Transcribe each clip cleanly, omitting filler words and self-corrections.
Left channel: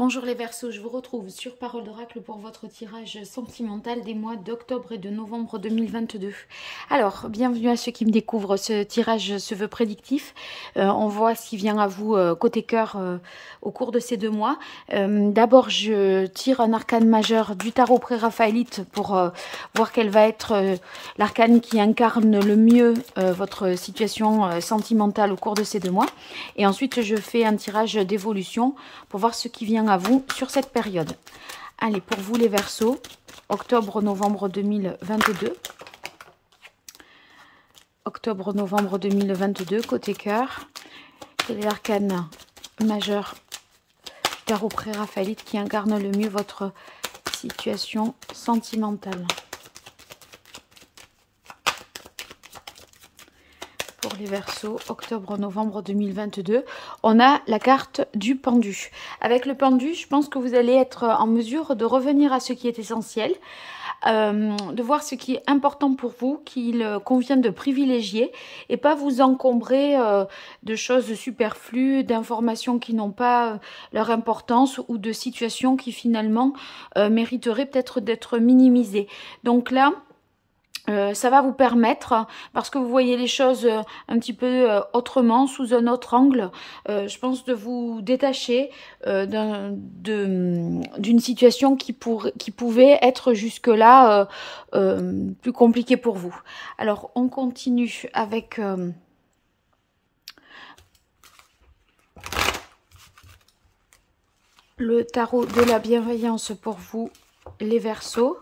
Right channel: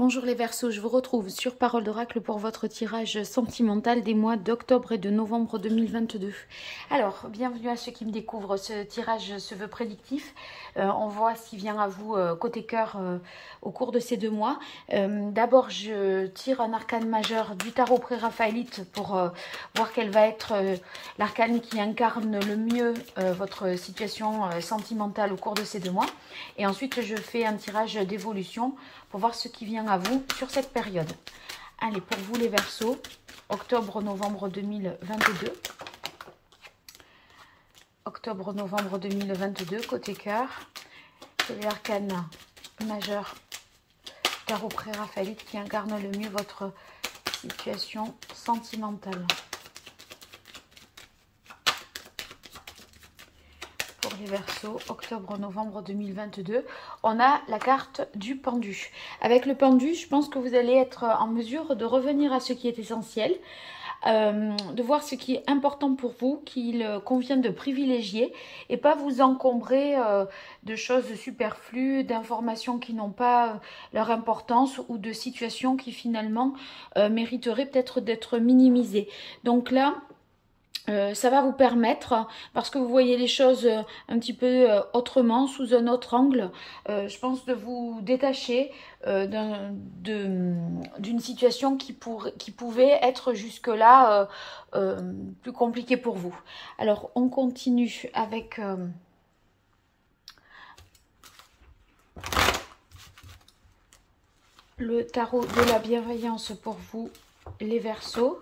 Bonjour les Verseaux, je vous retrouve sur Parole d'Oracle pour votre tirage sentimental des mois d'octobre et de novembre 2022. Alors, bienvenue à ceux qui me découvrent, ce tirage se veut prédictif. On voit ce qui vient à vous côté cœur au cours de ces 2 mois. D'abord, je tire un arcane majeur du tarot pré-raphaélite pour voir quel va être l'arcane qui incarne le mieux votre situation sentimentale au cours de ces 2 mois. Et ensuite, je fais un tirage d'évolution pour voir ce qui vient à vous sur cette période. Allez, pour vous les Verseaux, octobre-novembre 2022. Octobre-novembre 2022, côté cœur. Quel est l'arcane majeur du tarot pré-raphaélite qui incarne le mieux votre situation sentimentale? Pour les Verseaux, octobre-novembre 2022, on a la carte du pendu. Avec le pendu, je pense que vous allez être en mesure de revenir à ce qui est essentiel, de voir ce qui est important pour vous, qu'il convient de privilégier et pas vous encombrer de choses superflues, d'informations qui n'ont pas leur importance ou de situations qui finalement mériteraient peut-être d'être minimisées. Donc là, ça va vous permettre, parce que vous voyez les choses un petit peu autrement, sous un autre angle, je pense de vous détacher d'une situation qui pouvait être jusque-là plus compliquée pour vous. Alors, on continue avec le tarot de la bienveillance pour vous, les Verseaux.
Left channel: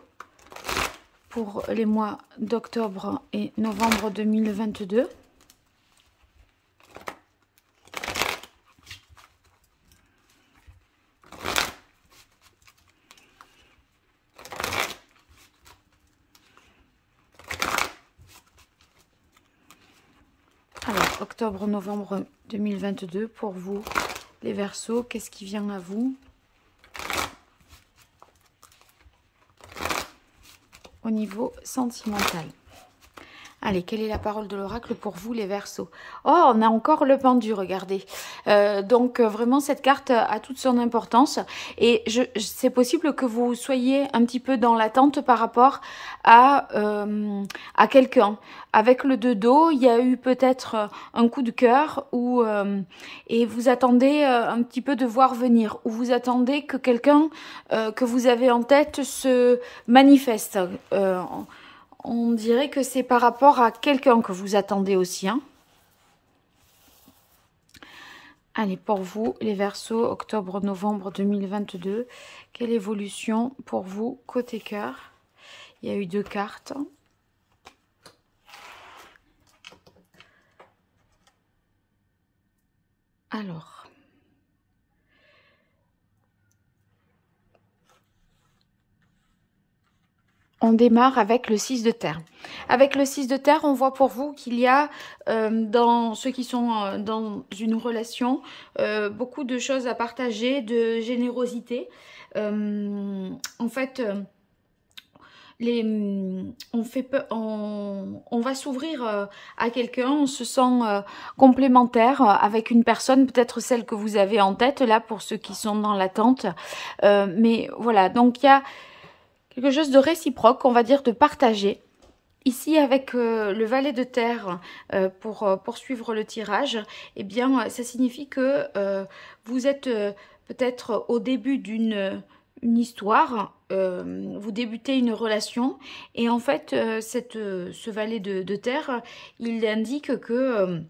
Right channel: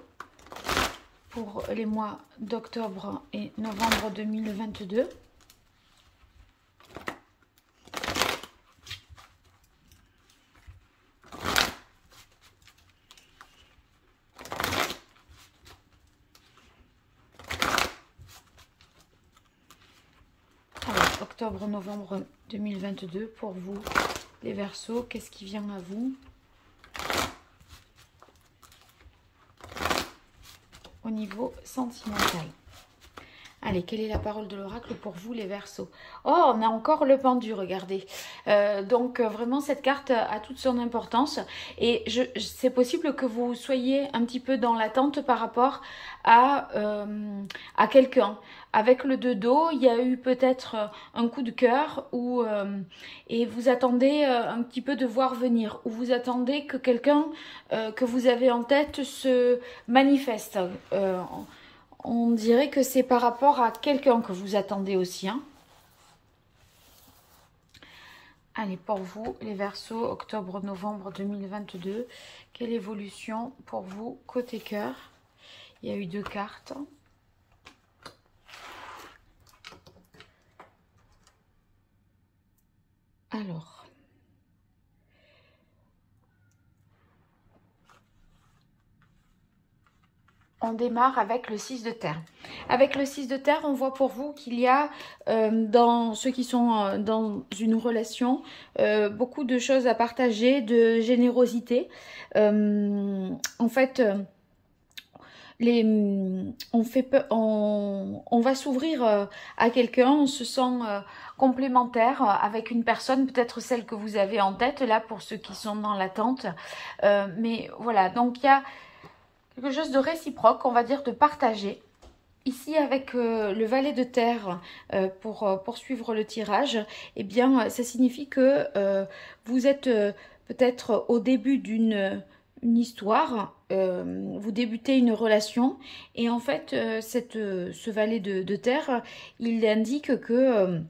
Pour les mois d'octobre et novembre 2022. Alors, octobre-novembre 2022, pour vous, les Verseaux, qu'est-ce qui vient à vous au niveau sentimental? Allez, quelle est la parole de l'oracle pour vous, les Verseaux? Oh, on a encore le pendu, regardez. Donc, vraiment, cette carte a toute son importance. Et c'est possible que vous soyez un petit peu dans l'attente par rapport à quelqu'un. Avec le 2 d'eau, il y a eu peut-être un coup de cœur et vous attendez un petit peu de voir venir. Ou vous attendez que quelqu'un que vous avez en tête se manifeste. On dirait que c'est par rapport à quelqu'un que vous attendez aussi. Hein. Allez, pour vous, les Verseaux, octobre-novembre 2022. Quelle évolution pour vous, côté cœur? Il y a eu 2 cartes. Alors. On démarre avec le 6 de terre. Avec le 6 de terre, on voit pour vous qu'il y a, dans ceux qui sont dans une relation, beaucoup de choses à partager, de générosité. En fait, on va s'ouvrir à quelqu'un, on se sent complémentaire avec une personne, peut-être celle que vous avez en tête, là, pour ceux qui sont dans l'attente. Mais voilà, donc il y a quelque chose de réciproque, on va dire de partagé. Ici, avec le valet de terre, pour poursuivre le tirage, eh bien, ça signifie que vous êtes peut-être au début d'une histoire, vous débutez une relation, et en fait, ce valet de terre, il indique que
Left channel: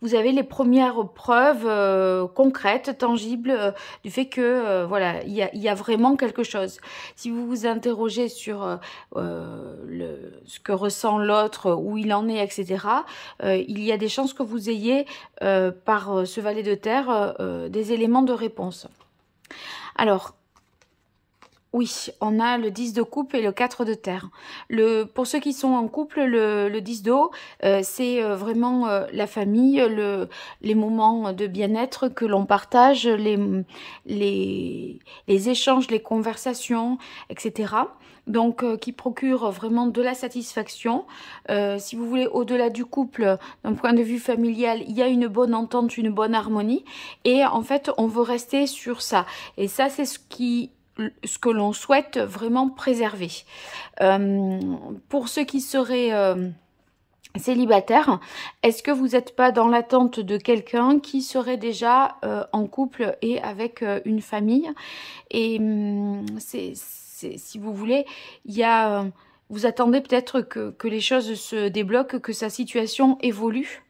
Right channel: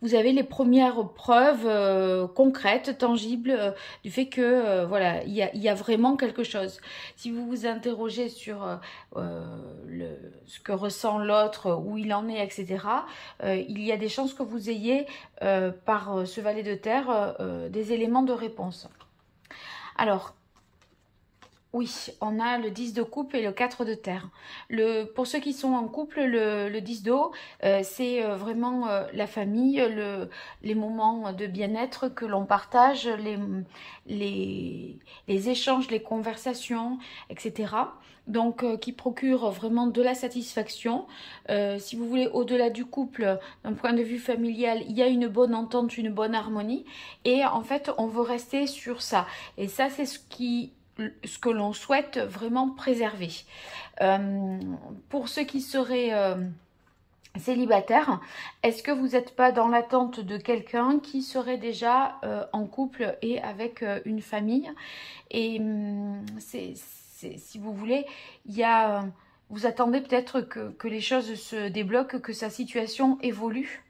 vous avez les premières preuves concrètes, tangibles, du fait que voilà, il y a vraiment quelque chose. Si vous vous interrogez sur ce que ressent l'autre, où il en est, etc., il y a des chances que vous ayez, par ce valet de terre, des éléments de réponse. Alors, Oui, on a le 10 de coupe et le 4 de terre. Pour ceux qui sont en couple, le 10 de haut, c'est vraiment la famille, les moments de bien-être que l'on partage, les échanges, les conversations, etc. Donc, qui procure vraiment de la satisfaction. Si vous voulez, au-delà du couple, d'un point de vue familial, il y a une bonne entente, une bonne harmonie. Et en fait, on veut rester sur ça. Et ça, c'est ce que l'on souhaite vraiment préserver. Pour ceux qui seraient célibataires, est-ce que vous n'êtes pas dans l'attente de quelqu'un qui serait déjà en couple et avec une famille? Et si vous voulez, il y a, vous attendez peut-être que les choses se débloquent, que sa situation évolue.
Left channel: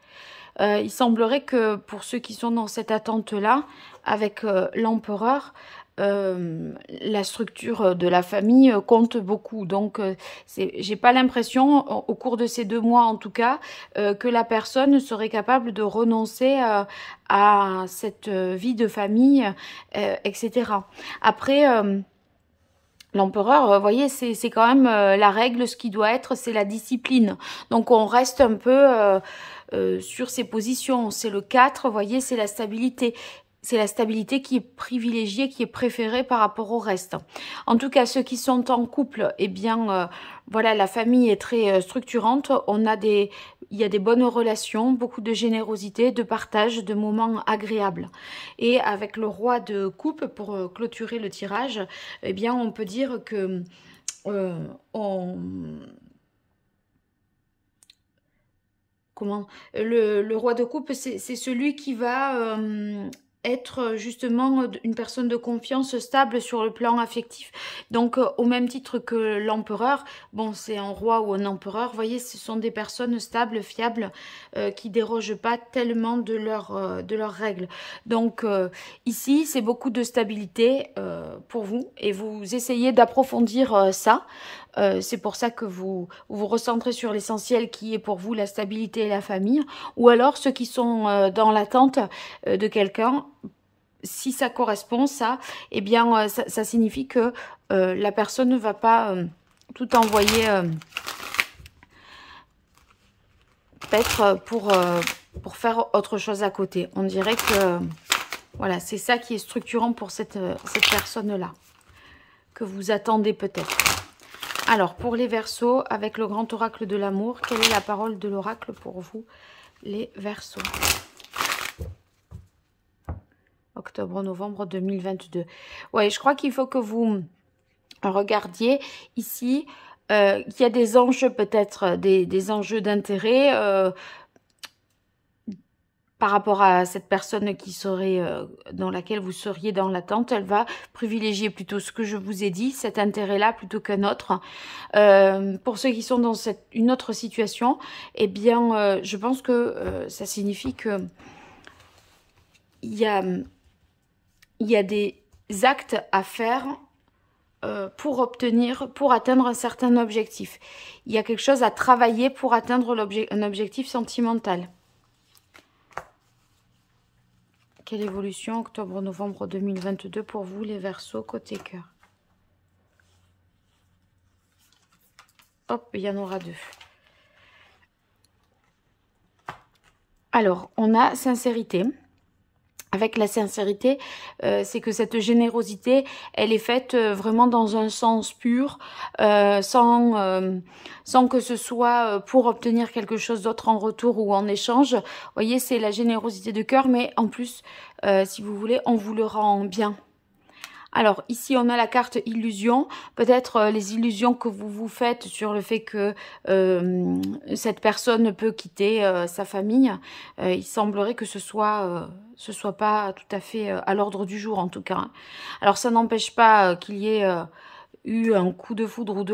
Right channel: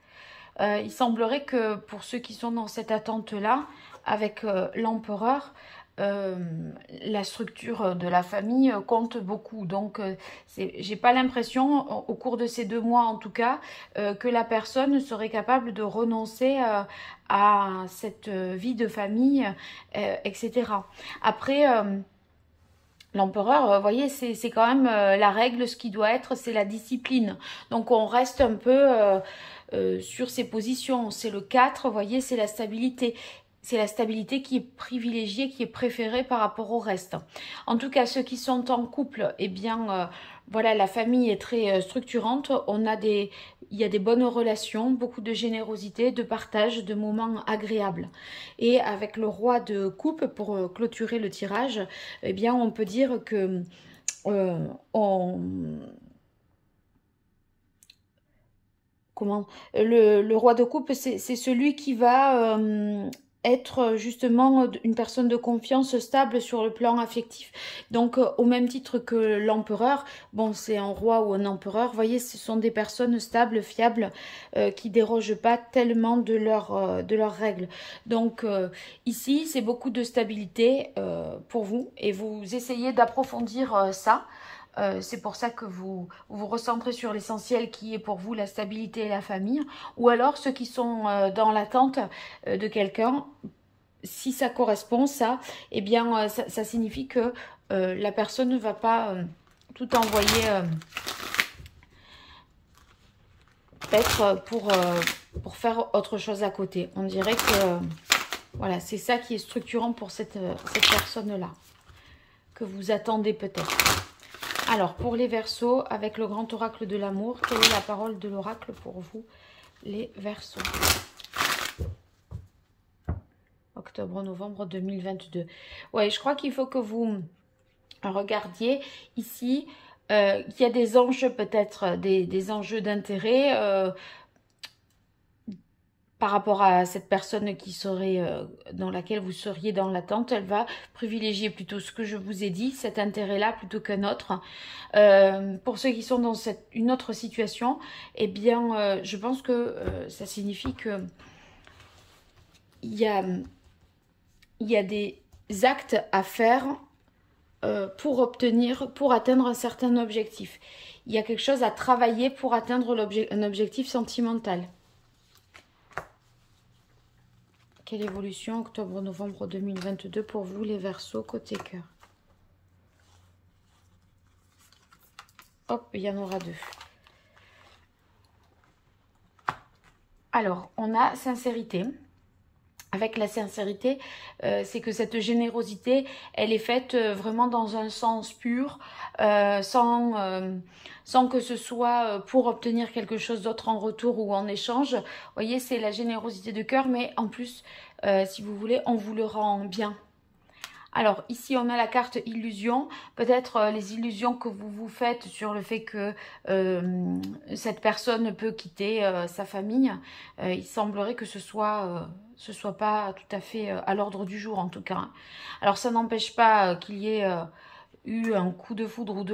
Il semblerait que pour ceux qui sont dans cette attente-là, avec l'empereur, la structure de la famille compte beaucoup. Donc, j'ai pas l'impression, au cours de ces 2 mois en tout cas, que la personne serait capable de renoncer à cette vie de famille, etc. Après, l'empereur, vous voyez, c'est quand même la règle, ce qui doit être, c'est la discipline. Donc, on reste un peu sur ses positions. C'est le 4, vous voyez, c'est la stabilité. C'est la stabilité qui est privilégiée, qui est préférée par rapport au reste. En tout cas, ceux qui sont en couple, eh bien, voilà, la famille est très structurante. Il y a des bonnes relations, beaucoup de générosité, de partage, de moments agréables. Et avec le roi de coupe, pour clôturer le tirage, eh bien, on peut dire que le roi de coupe, c'est celui qui va être justement une personne de confiance stable sur le plan affectif. Donc, au même titre que l'empereur, bon, c'est un roi ou un empereur, vous voyez, ce sont des personnes stables, fiables, qui dérogent pas tellement de leurs règles. Donc, ici, c'est beaucoup de stabilité pour vous, et vous essayez d'approfondir ça. C'est pour ça que vous recentrez sur l'essentiel qui est pour vous la stabilité et la famille. Ou alors ceux qui sont dans l'attente de quelqu'un, si ça correspond, ça, eh bien, ça signifie que la personne ne va pas tout envoyer peut-être pour faire autre chose à côté. On dirait que, voilà, c'est ça qui est structurant pour cette personne-là, que vous attendez peut-être. Alors, pour les Verseaux, avec le grand oracle de l'amour, quelle est la parole de l'oracle pour vous, les Verseaux? Octobre-novembre 2022. Ouais, je crois qu'il faut que vous regardiez ici. Il y a des enjeux peut-être, des enjeux d'intérêt par rapport à cette personne qui serait dans laquelle vous seriez dans l'attente. Elle va privilégier plutôt ce que je vous ai dit, cet intérêt-là, plutôt qu'un autre. Pour ceux qui sont dans une autre situation, eh bien, je pense que ça signifie que il y a des actes à faire pour atteindre un certain objectif. Il y a quelque chose à travailler pour atteindre un objectif sentimental. Quelle évolution octobre-novembre 2022 pour vous, les Verseaux, côté cœur? Hop, il y en aura 2. Alors, on a sincérité. Avec la sincérité, c'est que cette générosité, elle est faite vraiment dans un sens pur, sans que ce soit pour obtenir quelque chose d'autre en retour ou en échange. Vous voyez, c'est la générosité de cœur, mais en plus, si vous voulez, on vous le rend bien. Alors, ici, on a la carte illusion. Peut-être les illusions que vous vous faites sur le fait que cette personne peut quitter sa famille. Il semblerait que ce soit pas tout à fait à l'ordre du jour, en tout cas. Alors, ça n'empêche pas qu'il y ait eu un coup de foudre ou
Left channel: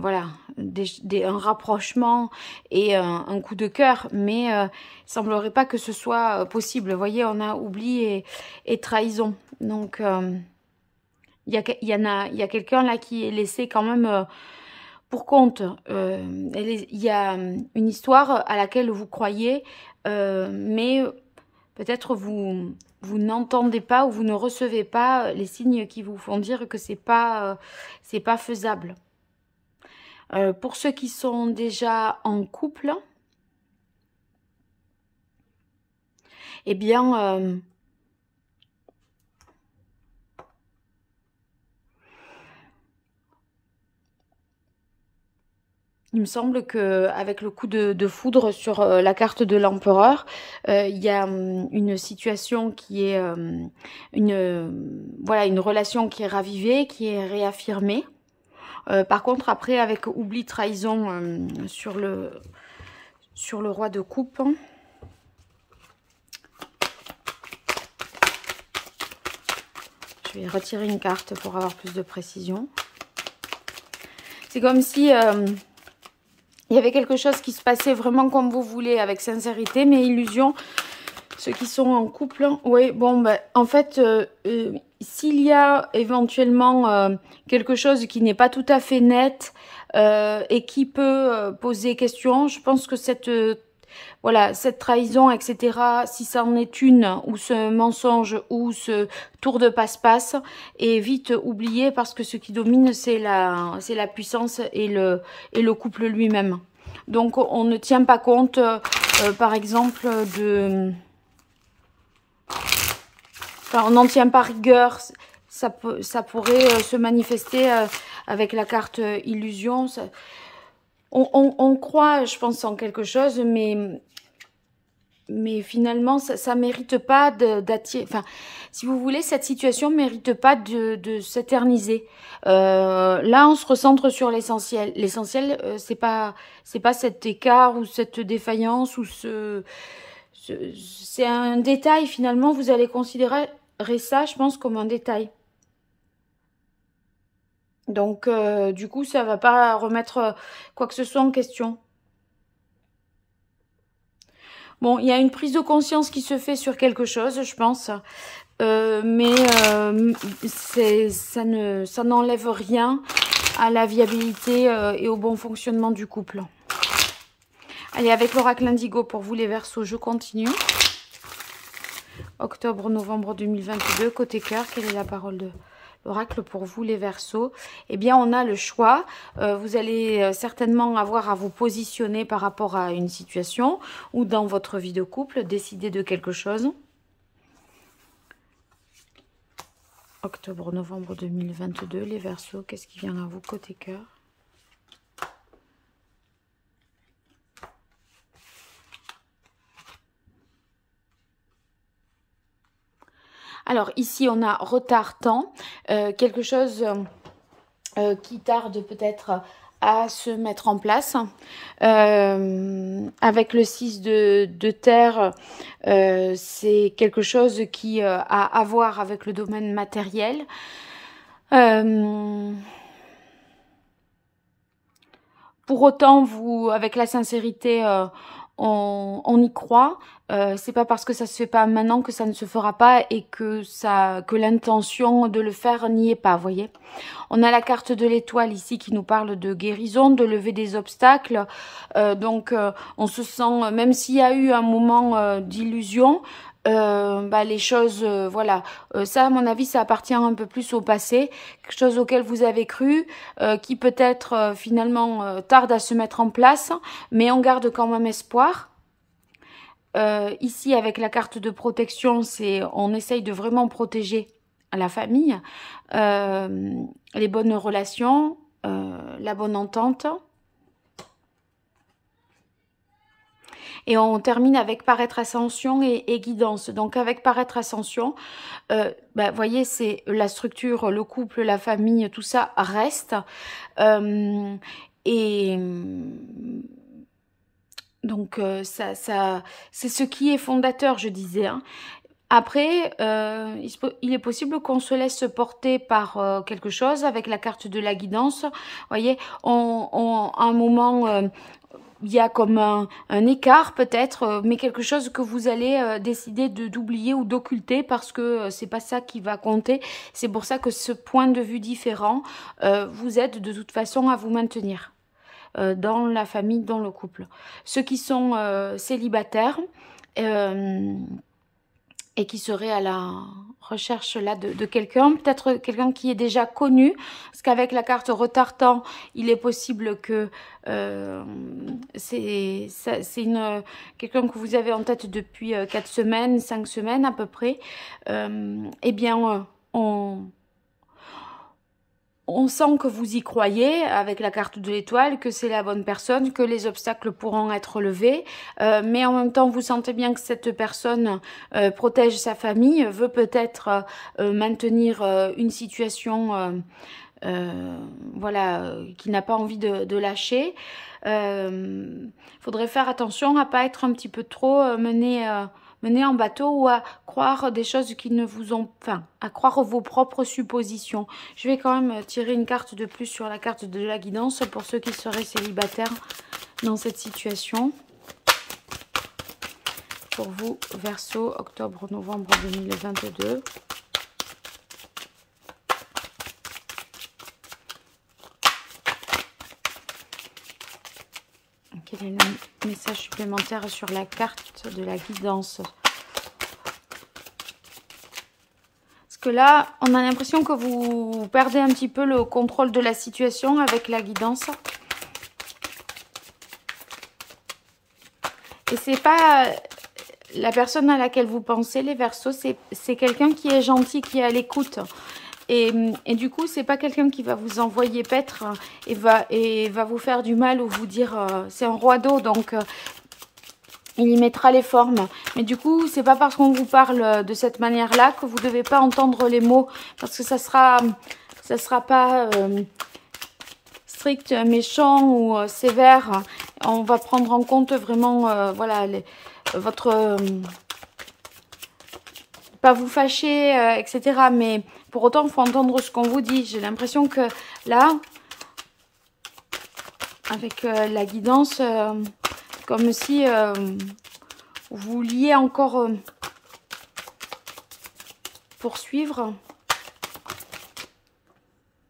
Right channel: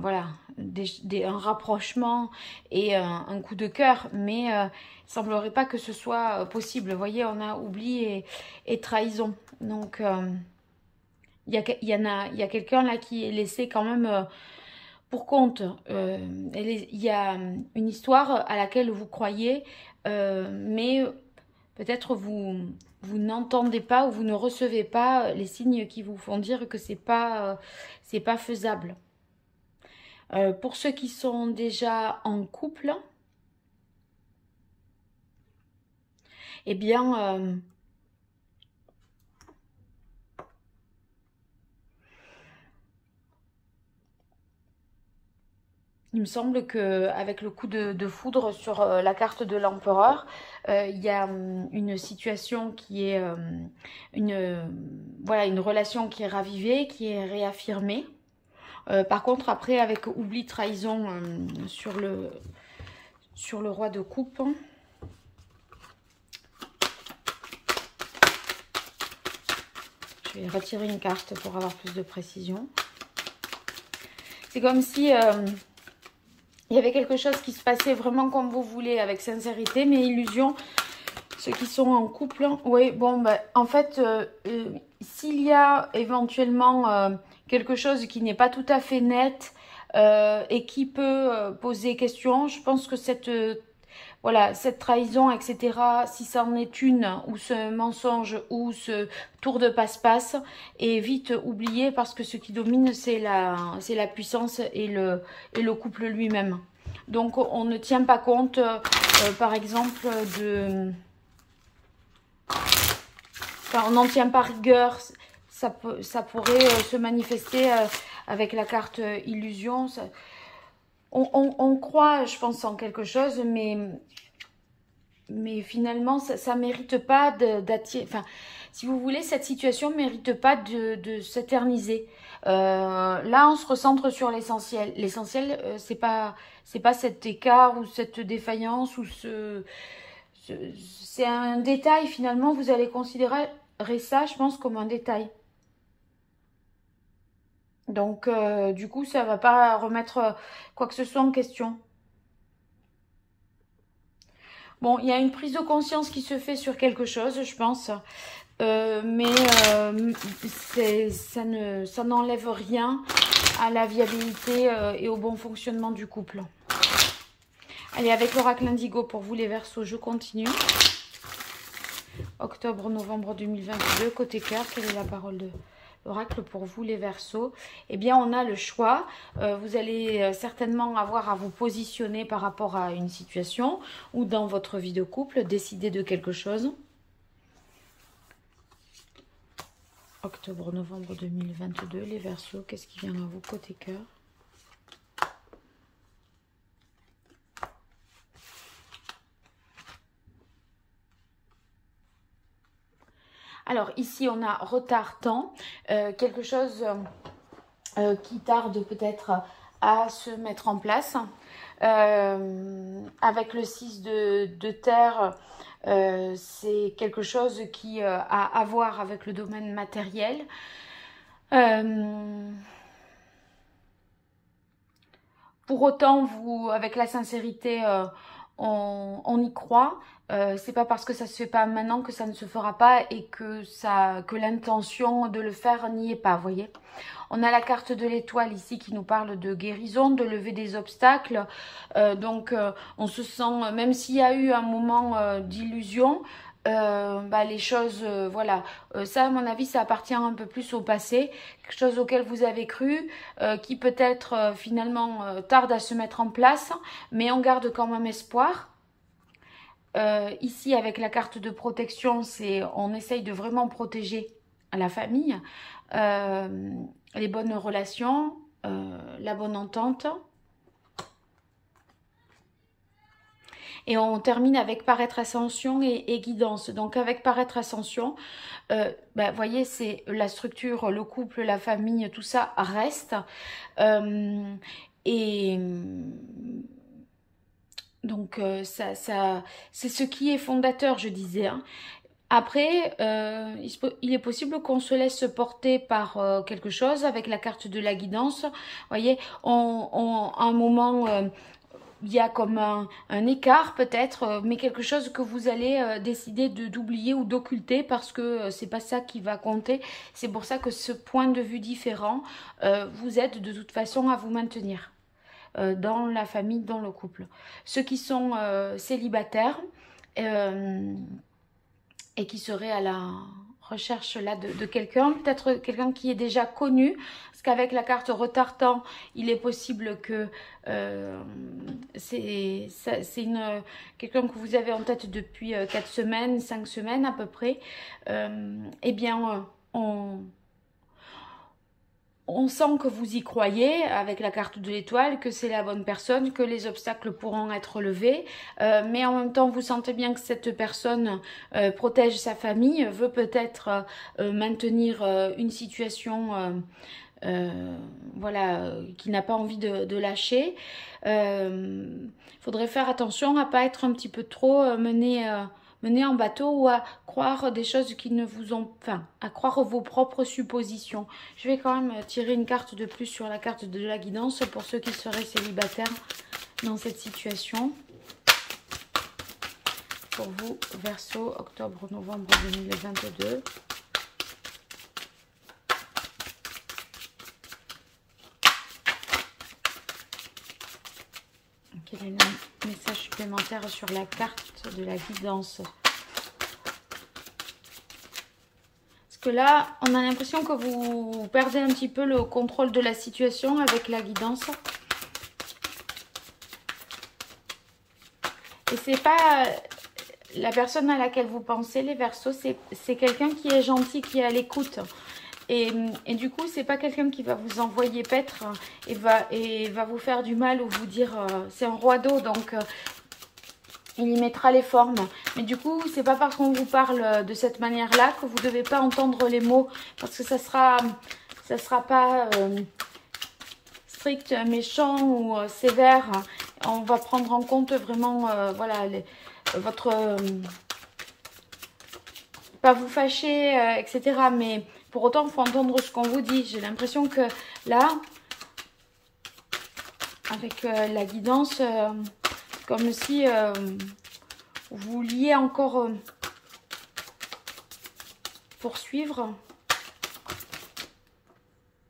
voilà, un rapprochement et un coup de cœur. Mais il semblerait pas que ce soit possible. Vous voyez, on a oubli et trahison. Donc... il y a quelqu'un là qui est laissé quand même pour compte. Il y a une histoire à laquelle vous croyez, mais peut-être vous vous n'entendez pas ou vous ne recevez pas les signes qui vous font dire que c'est pas faisable. Pour ceux qui sont déjà en couple, eh bien, il me semble qu'avec le coup de foudre sur la carte de l'empereur, il y a une situation qui est voilà, une relation qui est ravivée, qui est réaffirmée. Par contre, après, avec oubli, trahison sur le roi de coupe, je vais retirer une carte pour avoir plus de précision. C'est comme si il y avait quelque chose qui se passait vraiment comme vous voulez, avec sincérité, mais illusion. Ceux qui sont en couple, oui, bon, ben, en fait, s'il y a éventuellement quelque chose qui n'est pas tout à fait net et qui peut poser question, je pense que voilà, cette trahison, etc., si ça en est une, ou ce mensonge, ou ce tour de passe-passe, est vite oublié parce que ce qui domine, c'est la puissance et le couple lui-même. Donc, on ne tient pas compte, par exemple, de... Enfin, on n'en tient pas rigueur. Ça pourrait se manifester avec la carte illusion. On croit, je pense, en quelque chose, mais finalement, ça ne mérite pas d'attirer... Enfin, si vous voulez, cette situation ne mérite pas de s'éterniser. Là, on se recentre sur l'essentiel. L'essentiel, c'est pas cet écart ou cette défaillance ou c'est un détail, finalement. Vous allez considérer ça, je pense, comme un détail. Donc, du coup, ça ne va pas remettre quoi que ce soit en question. Bon, il y a une prise de conscience qui se fait sur quelque chose, je pense. Mais ça n'enlève rien à la viabilité et au bon fonctionnement du couple. Allez, avec l'oracle Indigo pour vous les Verseaux, je continue. Octobre-novembre 2022, côté cœur, quelle est la parole de l'oracle pour vous les Verseaux? Eh bien, on a le choix. Vous allez certainement avoir à vous positionner par rapport à une situation ou dans votre vie de couple, décider de quelque chose. Octobre-novembre 2022, les Verseaux, qu'est-ce qui vient à vous côté cœur? Alors ici on a retard temps, quelque chose qui tarde peut-être à se mettre en place. Avec le 6 de terre, c'est quelque chose qui a à voir avec le domaine matériel. Pour autant, vous, avec la sincérité, on y croit. C'est pas parce que ça se fait pas maintenant que ça ne se fera pas et que l'intention de le faire n'y est pas, vous voyez. On a la carte de l'étoile ici qui nous parle de guérison, de lever des obstacles. Donc, on se sent, même s'il y a eu un moment d'illusion, les choses, voilà, ça à mon avis ça appartient un peu plus au passé, quelque chose auquel vous avez cru, qui peut-être finalement tarde à se mettre en place, mais on garde quand même espoir. Ici avec la carte de protection, on essaye de vraiment protéger la famille, les bonnes relations, la bonne entente. Et on termine avec paraître ascension et guidance. Donc avec paraître ascension, voyez, c'est la structure, le couple, la famille, tout ça reste. Donc c'est ce qui est fondateur, je disais. Hein. Après, il est possible qu'on se laisse porter par quelque chose avec la carte de la guidance. Vous voyez, à un moment... il y a comme un écart peut-être, mais quelque chose que vous allez décider d'oublier ou d'occulter parce que c'est pas ça qui va compter. C'est pour ça que ce point de vue différent vous aide de toute façon à vous maintenir dans la famille, dans le couple. Ceux qui sont célibataires, et qui serait à la recherche là de quelqu'un, peut-être quelqu'un qui est déjà connu, parce qu'avec la carte retard-temps, il est possible que c'est quelqu'un que vous avez en tête depuis 4 semaines, 5 semaines à peu près. Eh bien, on sent que vous y croyez avec la carte de l'étoile, que c'est la bonne personne, que les obstacles pourront être levés, mais en même temps vous sentez bien que cette personne protège sa famille, veut peut-être maintenir une situation voilà, qui n'a pas envie de lâcher. Faudrait faire attention à pas être un petit peu trop mené en bateau ou à croire des choses qui ne vous ont... Enfin, à croire vos propres suppositions. Je vais quand même tirer une carte de plus sur la carte de la guidance pour ceux qui seraient célibataires dans cette situation. Pour vous, Verseau, octobre-novembre 2022. Quel est le message supplémentaire sur la carte de la guidance? Parce que là, on a l'impression que vous perdez un petit peu le contrôle de la situation avec la guidance. Et c'est pas la personne à laquelle vous pensez, les Verseaux, c'est quelqu'un qui est gentil, qui est à l'écoute. Et du coup, c'est pas quelqu'un qui va vous envoyer paître et va vous faire du mal ou vous dire c'est un roi d'eau, donc il y mettra les formes. Mais du coup, c'est pas parce qu'on vous parle de cette manière-là que vous devez pas entendre les mots, parce que ça sera pas strict, méchant ou sévère. On va prendre en compte vraiment, voilà, votre pas vous fâcher, etc. Mais pour autant, il faut entendre ce qu'on vous dit. J'ai l'impression que là, avec la guidance, comme si vous vouliez encore poursuivre.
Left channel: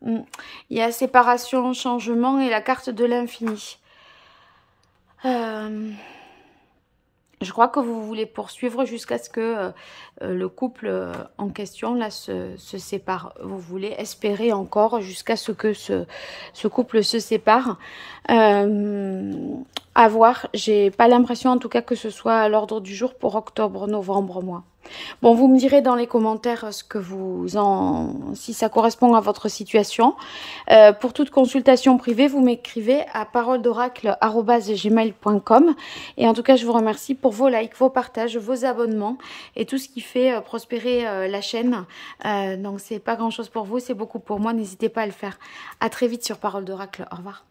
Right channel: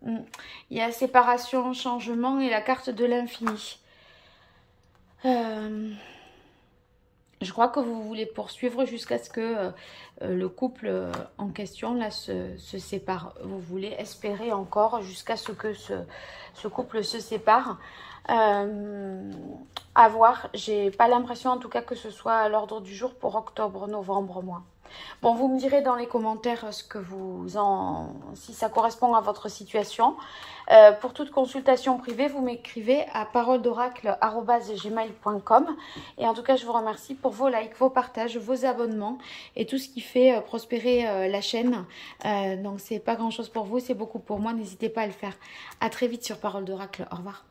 Il y a séparation, changement et la carte de l'infini. Je crois que vous voulez poursuivre jusqu'à ce que le couple en question là se sépare. Vous voulez espérer encore jusqu'à ce que ce couple se sépare. À voir. J'ai pas l'impression en tout cas que ce soit à l'ordre du jour pour octobre, novembre, moi. Bon, vous me direz dans les commentaires ce que si ça correspond à votre situation. Pour toute consultation privée, vous m'écrivez à paroledoracle@gmail.com. Et en tout cas, je vous remercie pour vos likes, vos partages, vos abonnements et tout ce qui fait prospérer la chaîne. Donc, c'est pas grand chose pour vous, c'est beaucoup pour moi. N'hésitez pas à le faire. À très vite sur Parole d'Oracle. Au revoir.